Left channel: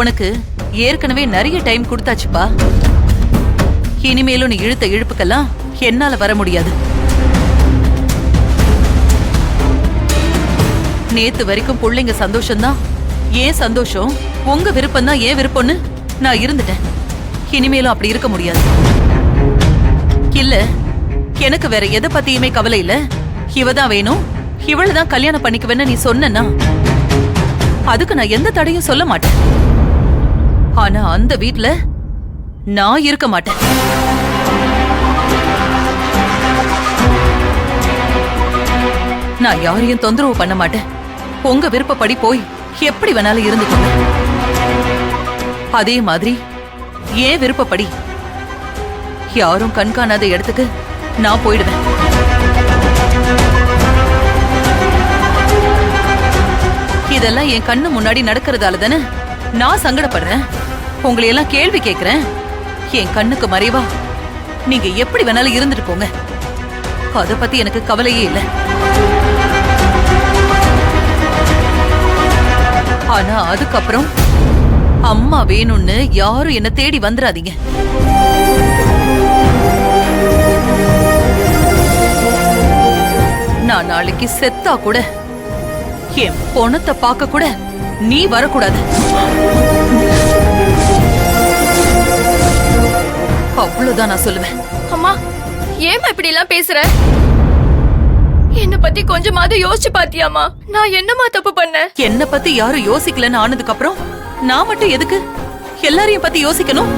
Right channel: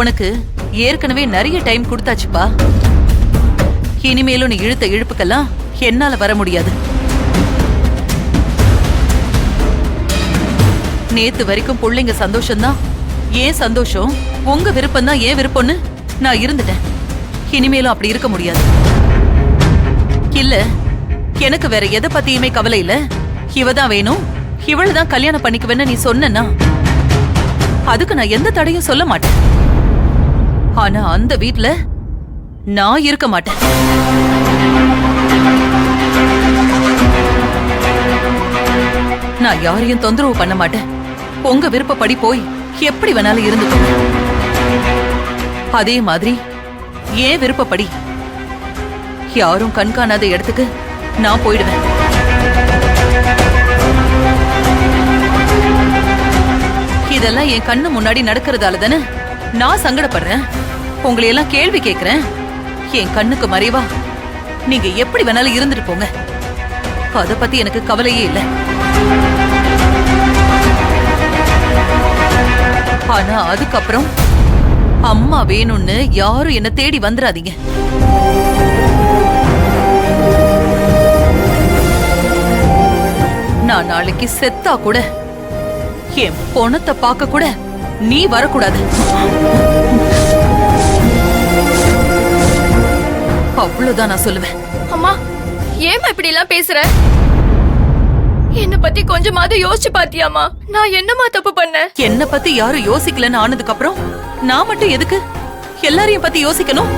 உனக்கு ஏற்கனவே நிறைய டைம் கொடுத்தாச்சுப்பா. இனிமேலும் நீ இழுத்த இழுப்புக்கெல்லாம் என்னால வர முடியாது. நேத்து வரைக்கும் பிள்ளைங்க சந்தோஷம்தான் ஏன் சந்தோஷம், உங்க விருப்பம் தான் ஏன் விருப்பம்னு நான் இருந்துட்டேன். இனிமேலும் அப்படி இருக்க முடியாது. இல்ல, எனக்கு வேற எதை பத்தியுமே கவலை இல்ல. இவதான் வேணும், இவளதான் கல்யாணம் பண்ணிக்குவேன்னு நீ சொன்னா அதுக்கு நான் எந்த தடையும் சொல்ல மாட்டேன். ஆனா அந்த வீட்ல நான் இருக்க மாட்டேன். நான் யாரையும் தொந்தரவு பண்ண மாட்டேன். உங்க விருப்பப்படி போய் எப்படி வேணாலும் இருந்துக்கோங்க. அதே மாதிரி ஏன் விருப்பப்படி யாரும் கண்காணாத இடத்துக்கு நான் போயிடுவேன். இதெல்லாம் என் கண்ணு முன்னாடி நடக்கிறதால தானே நான் சங்கடப்படுறேன். உங்களையெல்லாம் கேள்வி கேட்கிறேன். என் கண்ணுக்கு மறைவா நீங்க எப்படி வேணாலும் இருந்துட்டு போங்க. அத பத்தி எனக்கு கவலையே இல்லை. ஆனா அதுக்கப்புறம் அம்மா வேணும்னு யாரும் என்ன தேடி வந்துடாதீங்க. நான் நாளைக்கு செத்தா கூட என் பொணத்தை பார்க்க கூட நீ வரக்கூடாது. அவ்வளவுதான் நான் சொல்லுவேன். அம்மா, ஏமா இப்படி எல்லாம் பேசுற? என்ன பத்தி கொஞ்சமாவது யோசிச்சு பாத்தியாமா? நான் என்னமா தப்பு பண்ணேன்? என்ன பத்தி யாரும் யோசிக்கலன்னு ஆனதுக்கு அப்புறம் நான் மட்டும் எதுக்கு எல்லாரையும் பத்தி யோசிக்கணும்?